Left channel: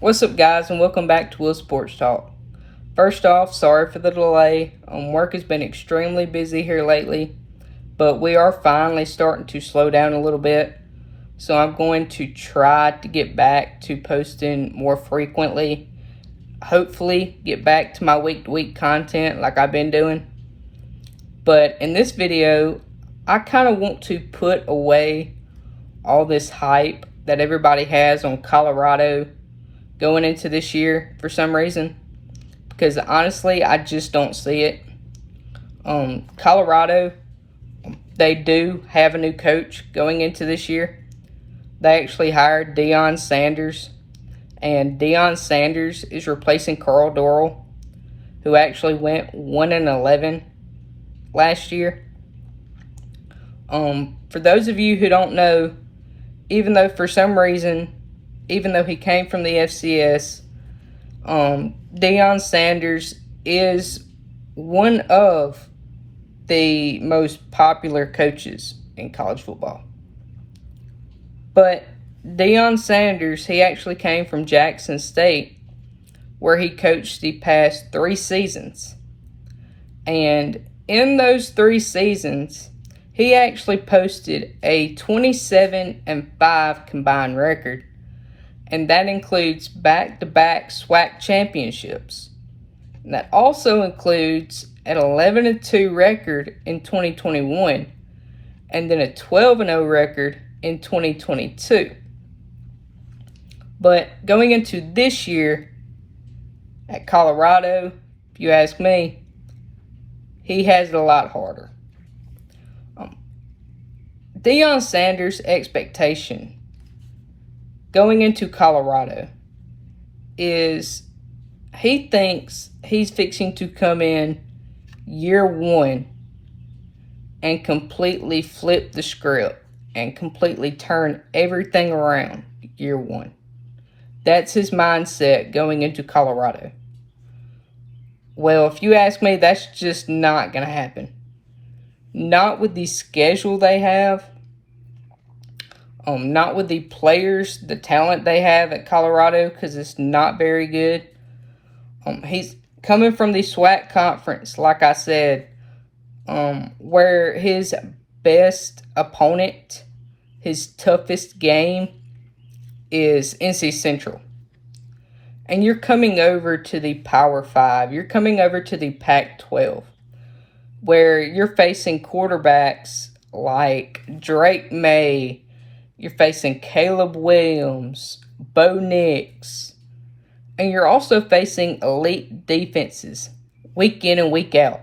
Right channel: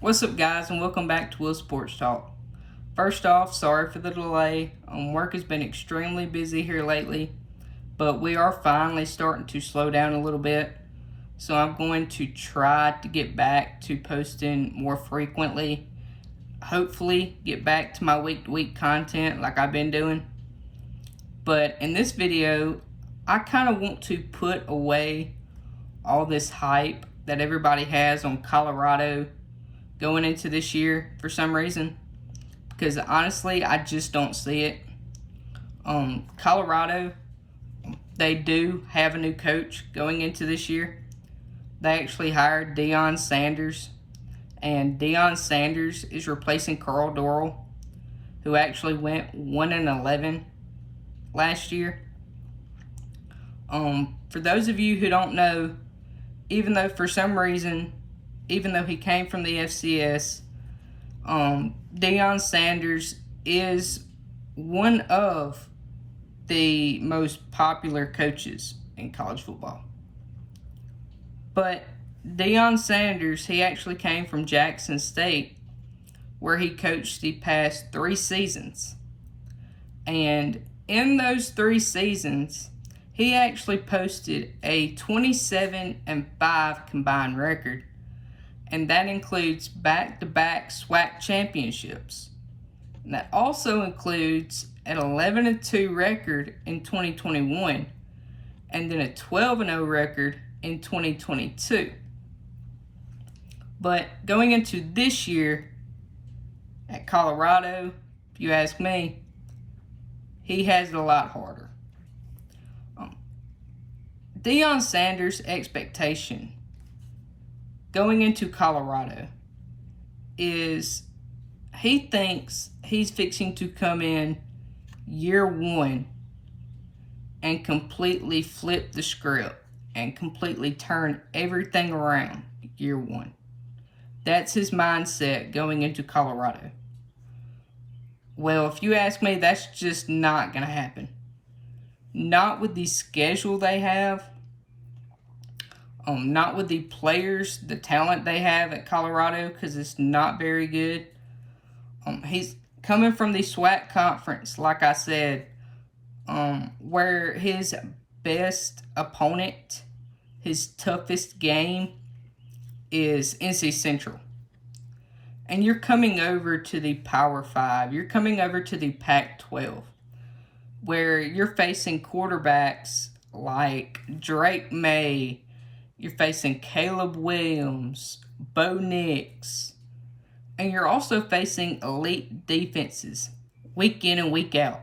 What's up, guys, and welcome back to Will Sports Talk. First off, sorry for the delay. Work has been extremely busy here lately, but we are finally starting to slow down a little bit. So I'm going to try to get back to posting more frequently. Hopefully, get back to my week-to-week content like I've been doing. But in this video, I kind of want to put away all this hype that everybody has on Colorado going into this year for some reason, because honestly I just don't see it. Colorado, they do have a new coach going into this year. They actually hired Deion Sanders, and Deion Sanders is replacing Carl Dorrell, who actually went 1-11 last year. For those of you who don't know, even though for some reason, even though he came from the FCS, Deion Sanders is one of the most popular coaches in college football. But Deion Sanders, he actually came from Jackson State, where he coached the past 3 seasons. And in those 3 seasons, he actually posted a 27-5 combined record, and that includes back-to-back SWAC championships. And that also includes an 11-2 record in 2021, and then a 12-0 record in 2022. But going into this year at Colorado, if you ask me, he has it a lot harder. Deion Sanders' expectation going into Colorado is he thinks he's fixing to come in year one and completely flip the script and completely turn everything around year one. That's his mindset going into Colorado. Well, if you ask me, that's just not going to happen. Not with the schedule they have. Not with the players, the talent they have at Colorado, because it's not very good. He's coming from the SWAC conference, like I said, where his best opponent, his toughest game, is NC Central. And you're coming over to the Power 5. You're coming over to the Pac-12, where you're facing quarterbacks like Drake May. You're facing Caleb Williams, Bo Nix, and you're also facing elite defenses week in and week out.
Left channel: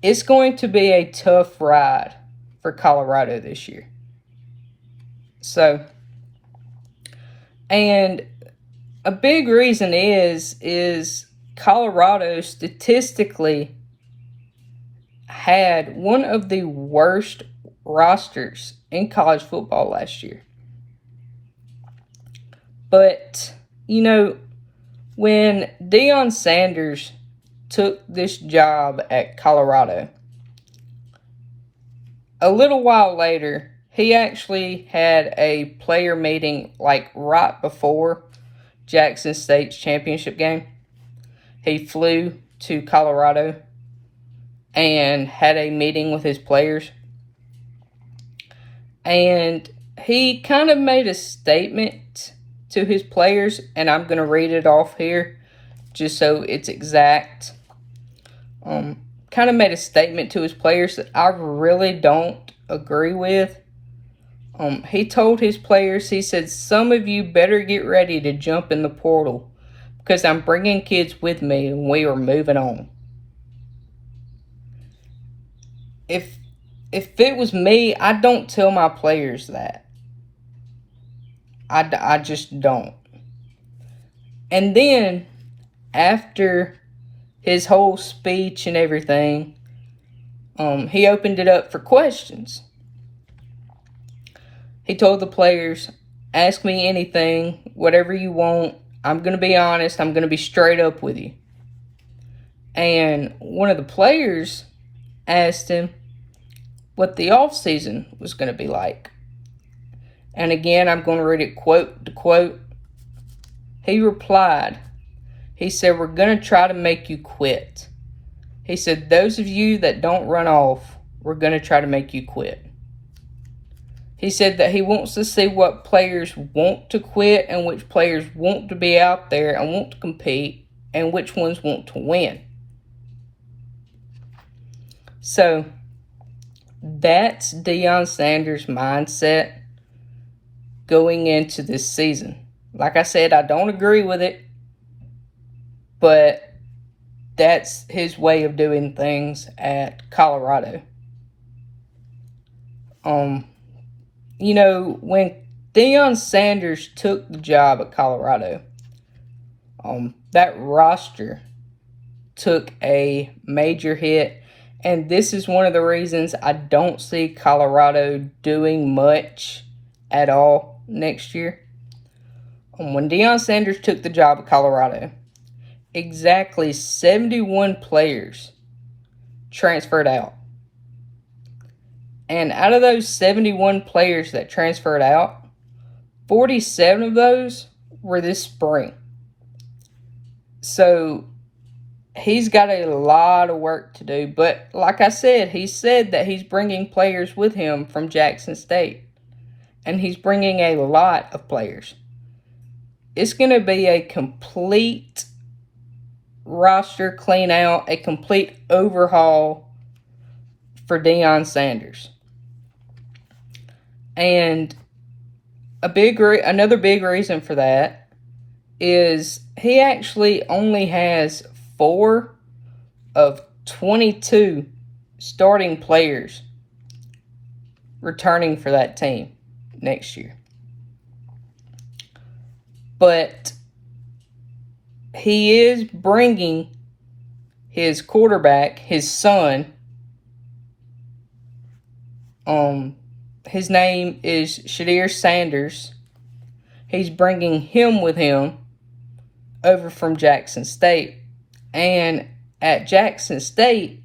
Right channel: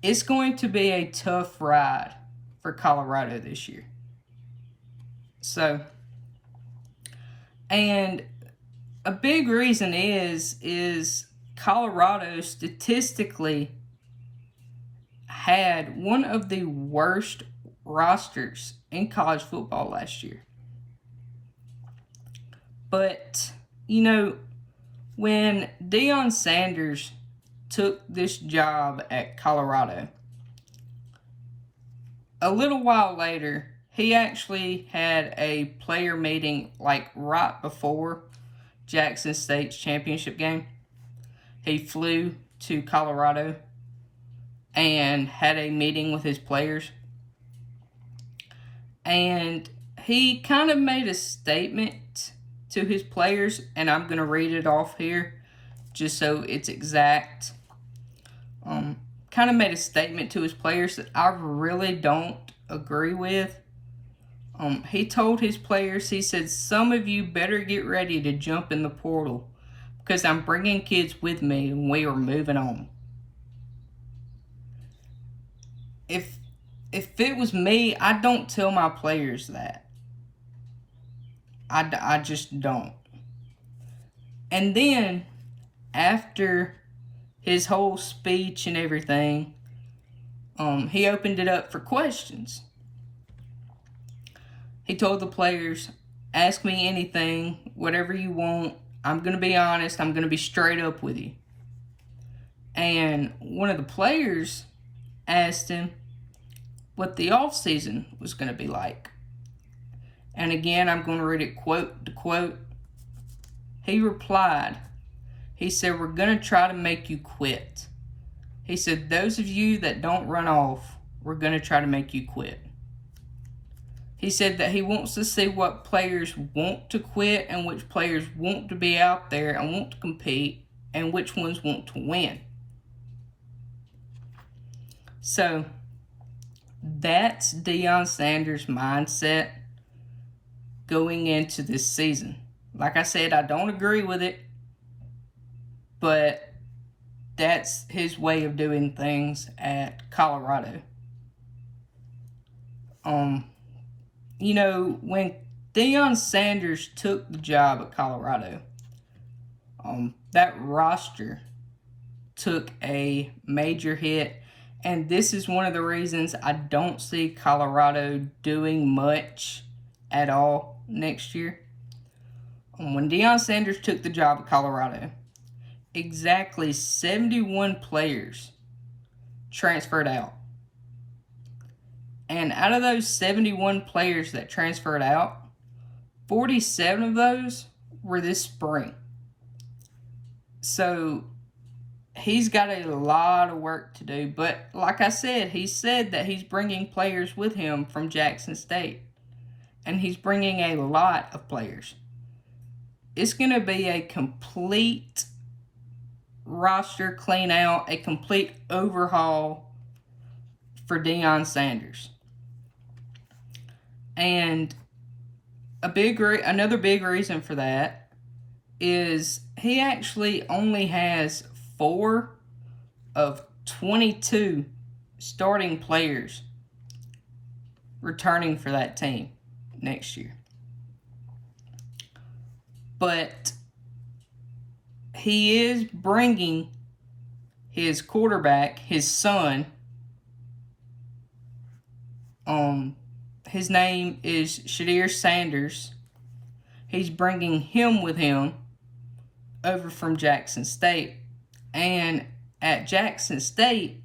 It's going to be a tough ride for Colorado this year. So, and a big reason is Colorado statistically had one of the worst rosters in college football last year. But, when Deion Sanders took this job at Colorado, a little while later, he actually had a player meeting like right before Jackson State's championship game. He flew to Colorado and had a meeting with his players. And he kind of made a statement to his players, and I'm going to read it off here just so it's exact. Kind of made a statement to his players that I really don't agree with. He told his players, he said, some of you better get ready to jump in the portal because I'm bringing kids with me and we are moving on. If it was me, I don't tell my players that. I just don't. And then, after his whole speech and everything, he opened it up for questions. He told the players, ask me anything, whatever you want. I'm going to be honest. I'm going to be straight up with you. And one of the players asked him what the offseason was going to be like. And again, I'm going to read it quote to quote. He replied, he said, "We're going to try to make you quit." He said, "Those of you that don't run off, we're going to try to make you quit." He said that he wants to see what players want to quit and which players want to be out there and want to compete and which ones want to win. So that's Deion Sanders' mindset going into this season. Like I said, I don't agree with it, but that's his way of doing things at Colorado. You know, when Deion Sanders took the job at Colorado, that roster took a major hit, and this is one of the reasons I don't see Colorado doing much at all next year. When Deion Sanders took the job at Colorado, exactly 71 players transferred out. And out of those 71 players that transferred out, 47 of those were this spring. So he's got a lot of work to do. But like I said, he said that he's bringing players with him from Jackson State. And he's bringing a lot of players. It's going to be a complete roster clean out, a complete overhaul for Deion Sanders. And another big reason for that is he actually only has 4 of 22 starting players returning for that team next year. But he is bringing his quarterback, his son. His name is Shadir Sanders. He's bringing him with him over from Jackson State. And at Jackson State,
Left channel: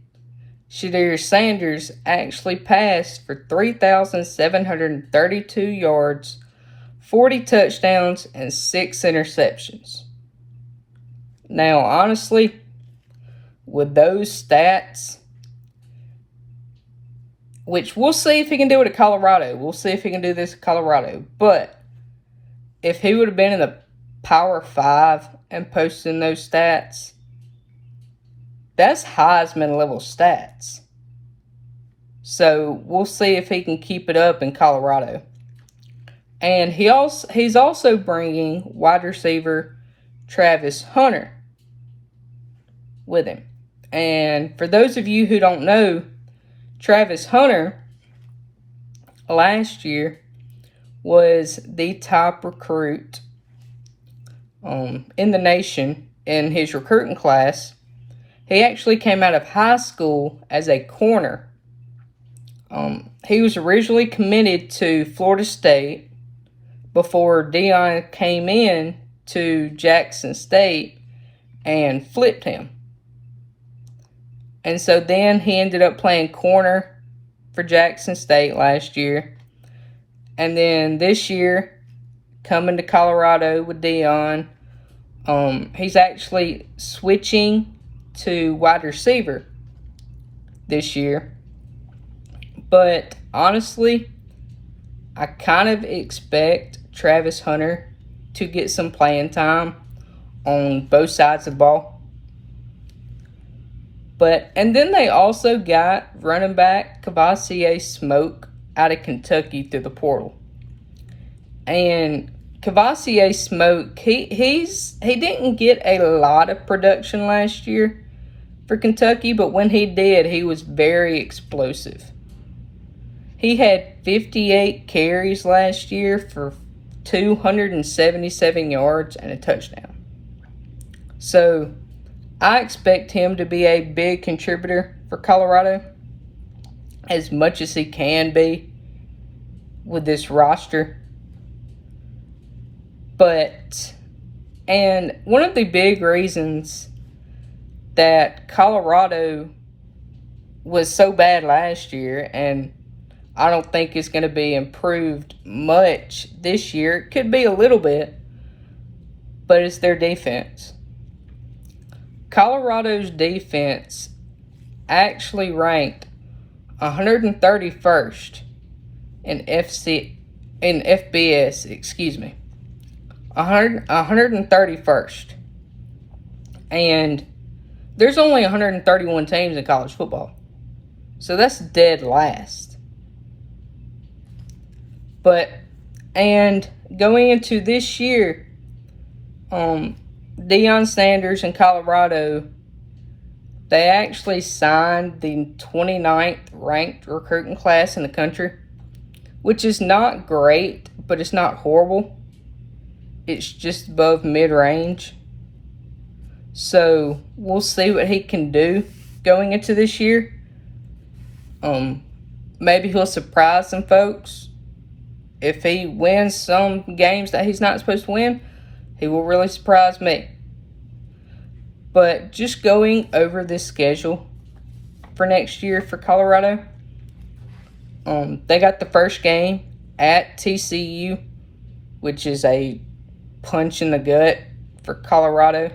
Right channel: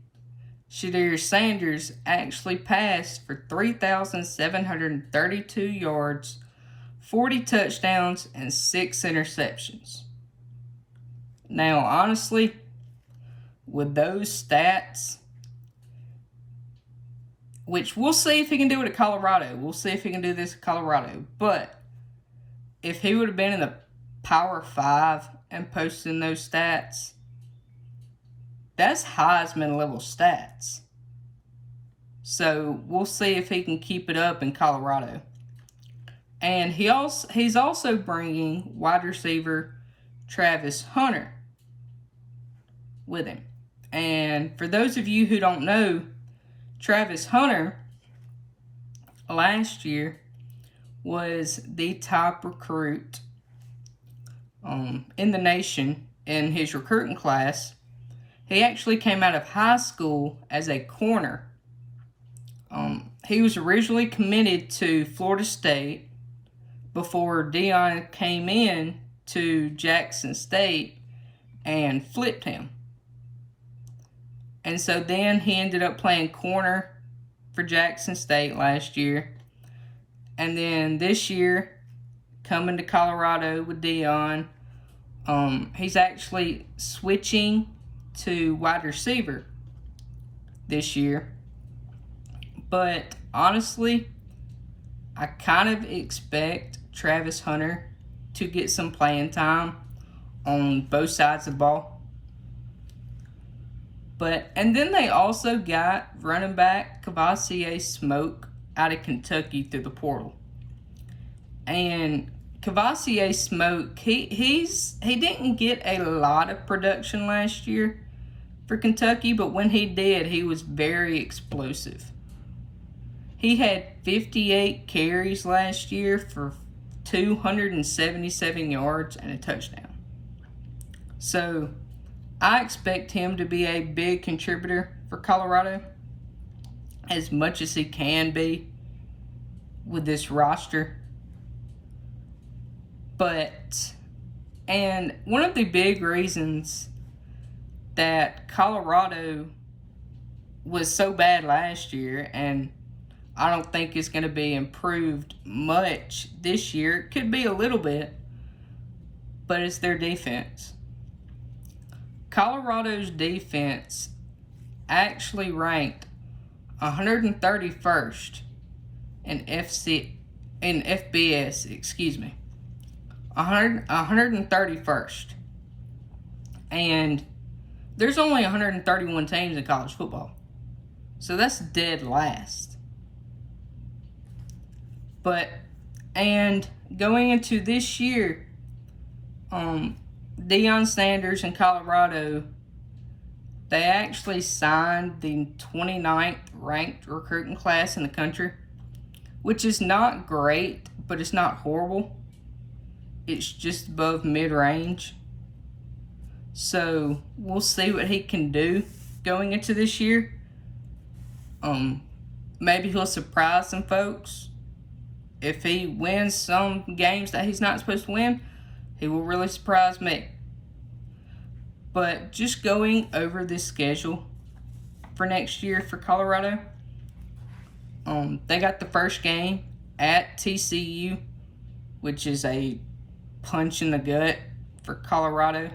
Shadir Sanders actually passed for 3,732 yards, 40 touchdowns, and 6 interceptions. Now, honestly, with those stats, which we'll see if he can do it at Colorado. We'll see if he can do this at Colorado. But if he would have been in the Power 5 and posting those stats, that's Heisman level stats. So we'll see if he can keep it up in Colorado. And he's also bringing wide receiver Travis Hunter with him. And for those of you who don't know, Travis Hunter last year was the top recruit in the nation in his recruiting class. He actually came out of high school as a corner. He was originally committed to Florida State before Deion came in to Jackson State and flipped him. And so then he ended up playing corner for Jackson State last year. And then this year, coming to Colorado with Deion, he's actually switching to wide receiver this year. But honestly, I kind of expect Travis Hunter to get some playing time on both sides of the ball. And then they also got running back Kavosiey Smoke out of Kentucky through the portal. And Kavosiey Smoke, he didn't get a lot of production last year for Kentucky, but when he did, he was very explosive. He had 58 carries last year for 277 yards and a touchdown. So I expect him to be a big contributor for Colorado as much as he can be with this roster. And one of the big reasons that Colorado was so bad last year, and I don't think it's going to be improved much this year, it could be a little bit, but it's their defense. Colorado's defense actually ranked 131st in FBS, 131st. And there's only 131 teams in college football. So that's dead last. And going into this year, Deion Sanders in Colorado, they actually signed the 29th ranked recruiting class in the country, which is not great, but it's not horrible. It's just above mid-range. So we'll see what he can do going into this year. Maybe he'll surprise some folks. If he wins some games that he's not supposed to win, he will really surprise me. But just going over this schedule for next year for Colorado, they got the first game at TCU, which is a punch in the gut for Colorado.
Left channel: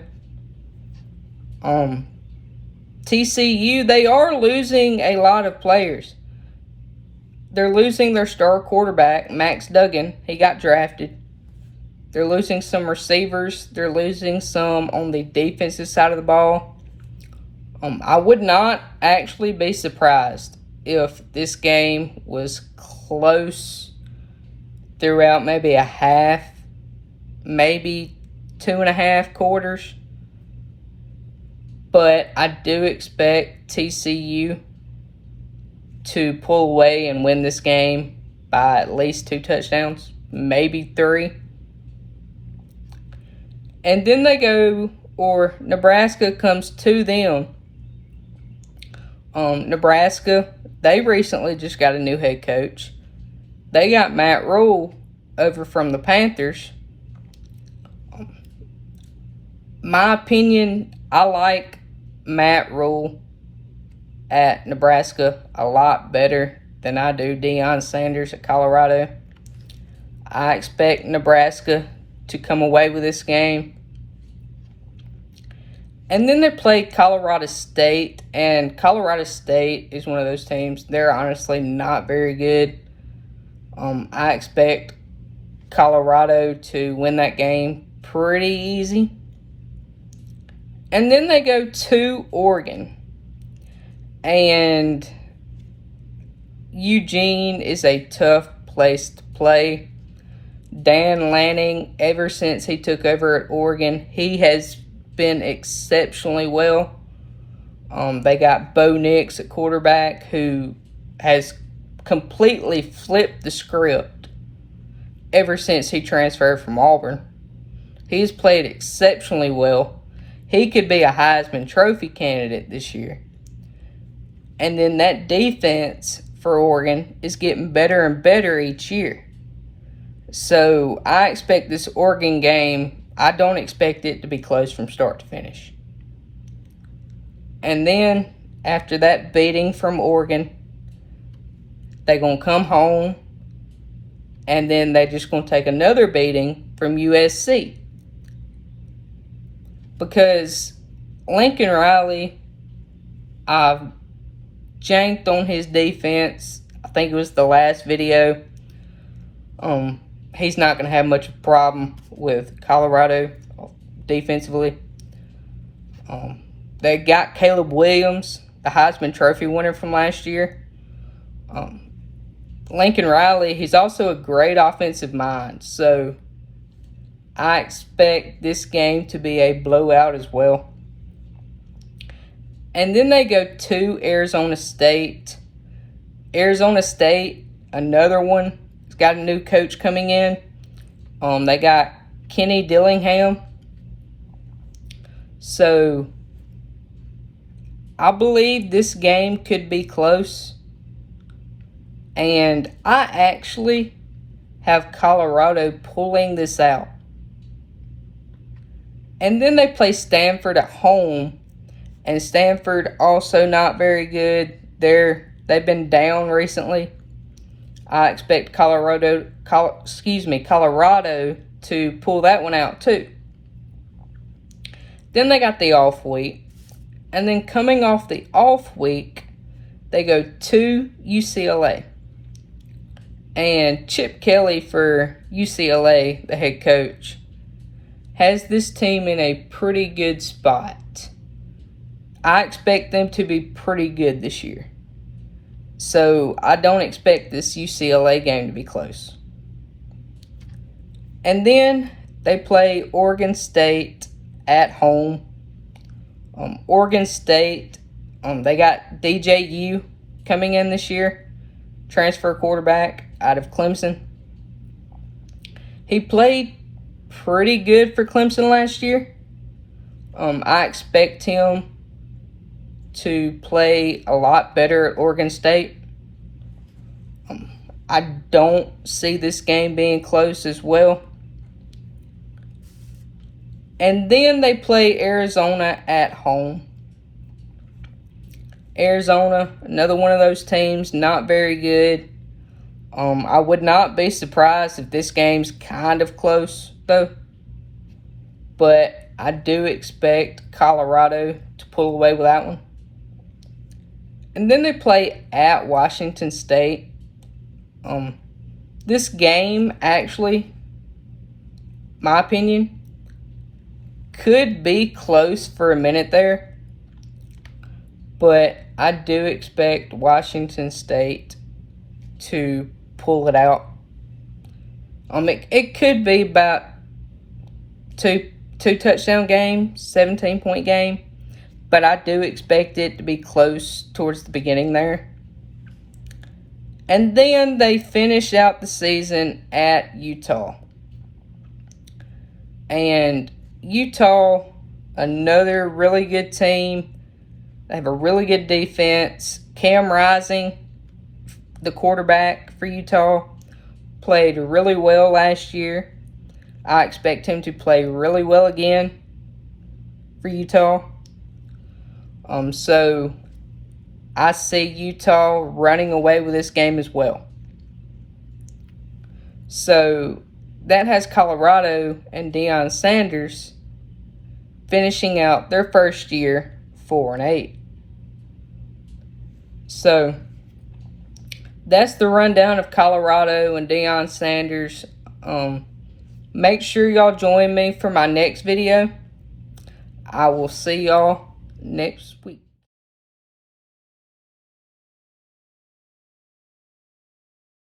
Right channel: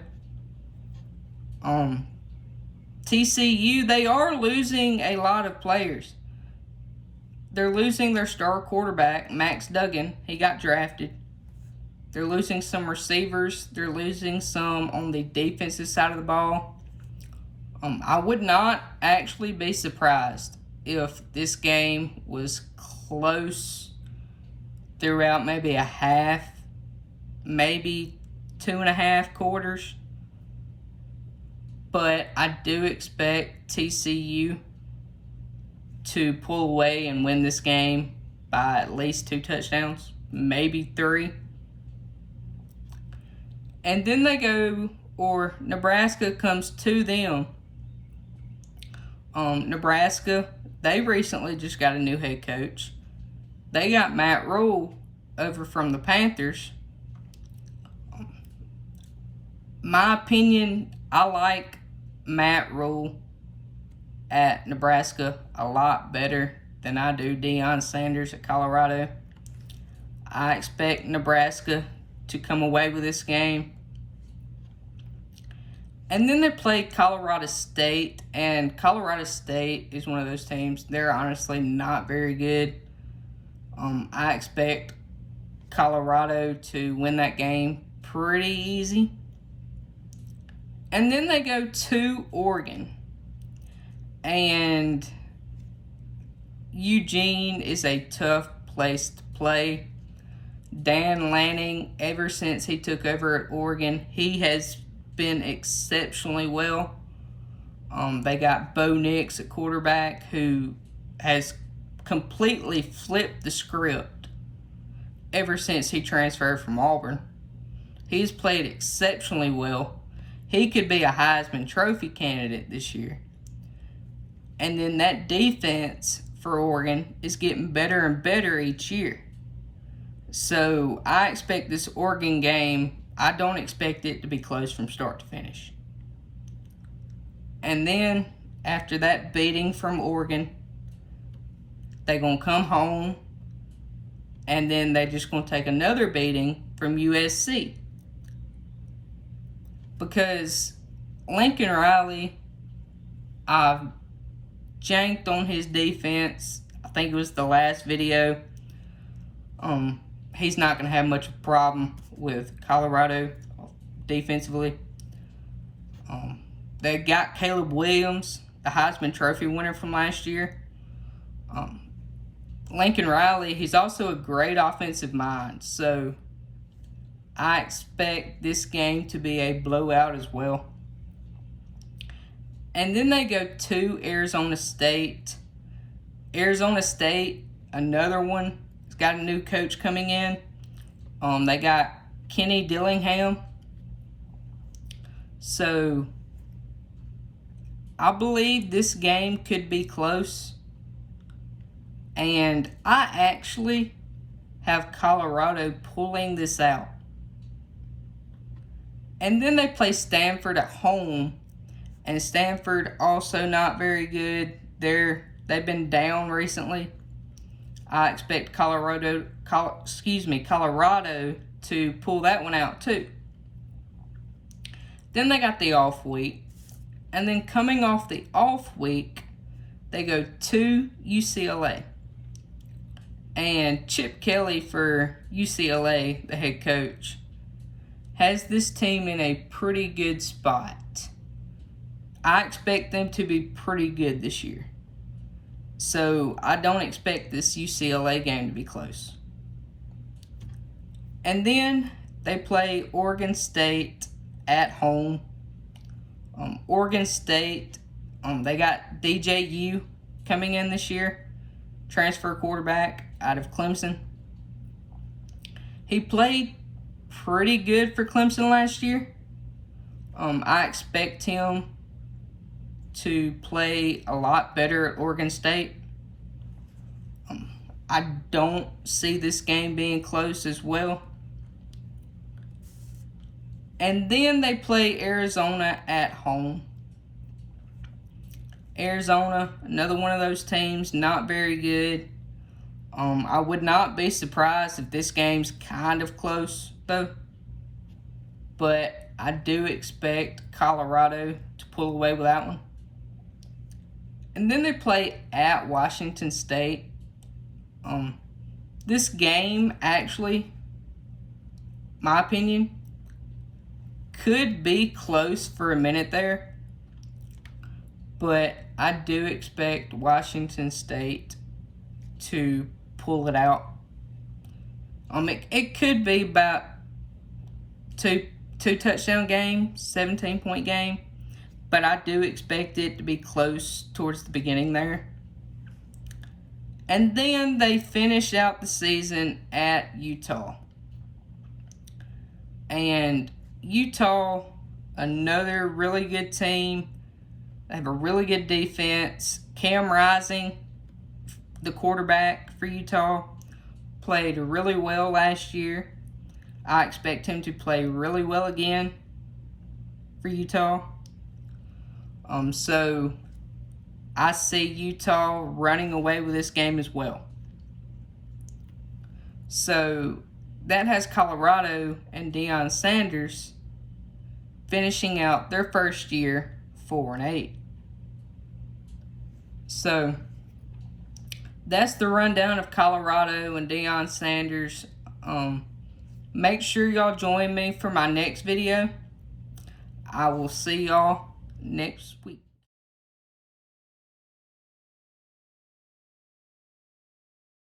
TCU, they are losing a lot of players. They're losing their star quarterback, Max Duggan. He got drafted. They're losing some receivers. They're losing some on the defensive side of the ball. I would not actually be surprised if this game was close throughout maybe a half, maybe 2.5 quarters. But I do expect TCU to pull away and win this game by at least 2 touchdowns, maybe 3. And then Nebraska comes to them. Nebraska, they recently just got a new head coach. They got Matt Rule over from the Panthers. My opinion, I like Matt Rule at Nebraska a lot better than I do Deion Sanders at Colorado. I expect Nebraska to come away with this game. And then they play Colorado State, and Colorado State is one of those teams. They're honestly not very good. I expect Colorado to win that game pretty easy. And then they go to Oregon. And Eugene is a tough place to play. Dan Lanning, ever since he took over at Oregon, he has been exceptionally well. They got Bo Nix at quarterback, who has completely flipped the script ever since he transferred from Auburn. He's played exceptionally well. He could be a Heisman Trophy candidate this year. And then that defense for Oregon is getting better and better each year. So I expect this Oregon game, I don't expect it to be close from start to finish. And then after that beating from Oregon, they're going to come home, and then they're just going to take another beating from USC. Because Lincoln Riley, I've janked on his defense. I think it was the last video. He's not going to have much of a problem with Colorado defensively. They got Caleb Williams, the Heisman Trophy winner from last year. Lincoln Riley, he's also a great offensive mind. So I expect this game to be a blowout as well. And then they go to Arizona State. Arizona State, another one. It's got a new coach coming in. They got Kenny Dillingham. So I believe this game could be close. And I actually have Colorado pulling this out. And then they play Stanford at home. And Stanford also not very good. They've been down recently. I expect Colorado to pull that one out too. Then they got the off week. And then coming off the off week, they go to UCLA. And Chip Kelly for UCLA, the head coach, has this team in a pretty good spot. I expect them to be pretty good this year. So I don't expect this UCLA game to be close. And then they play Oregon State at home. Oregon State, they got DJU coming in this year, transfer quarterback out of Clemson. He played pretty good for Clemson last year. I expect him to play a lot better at Oregon State. I don't see this game being close as well. And then they play Arizona at home. Arizona, another one of those teams, not very good. I would not be surprised if this game's kind of close, though. But I do expect Colorado to pull away with that one. And then they play at Washington State. This game, actually, my opinion, could be close for a minute there, but I do expect Washington State to pull it out. It could be about two touchdown game, 17-point game, but I do expect it to be close towards the beginning there. And then they finish out the season at Utah. And Utah, another really good team. They have a really good defense. Cam Rising, the quarterback for Utah, played really well last year. I expect him to play really well again for Utah. So I see Utah running away with this game as well. So that has Colorado and Deion Sanders finishing out their first year 4-8. So that's the rundown of Colorado and Deion Sanders. Make sure y'all join me for my next video. I will see y'all next week.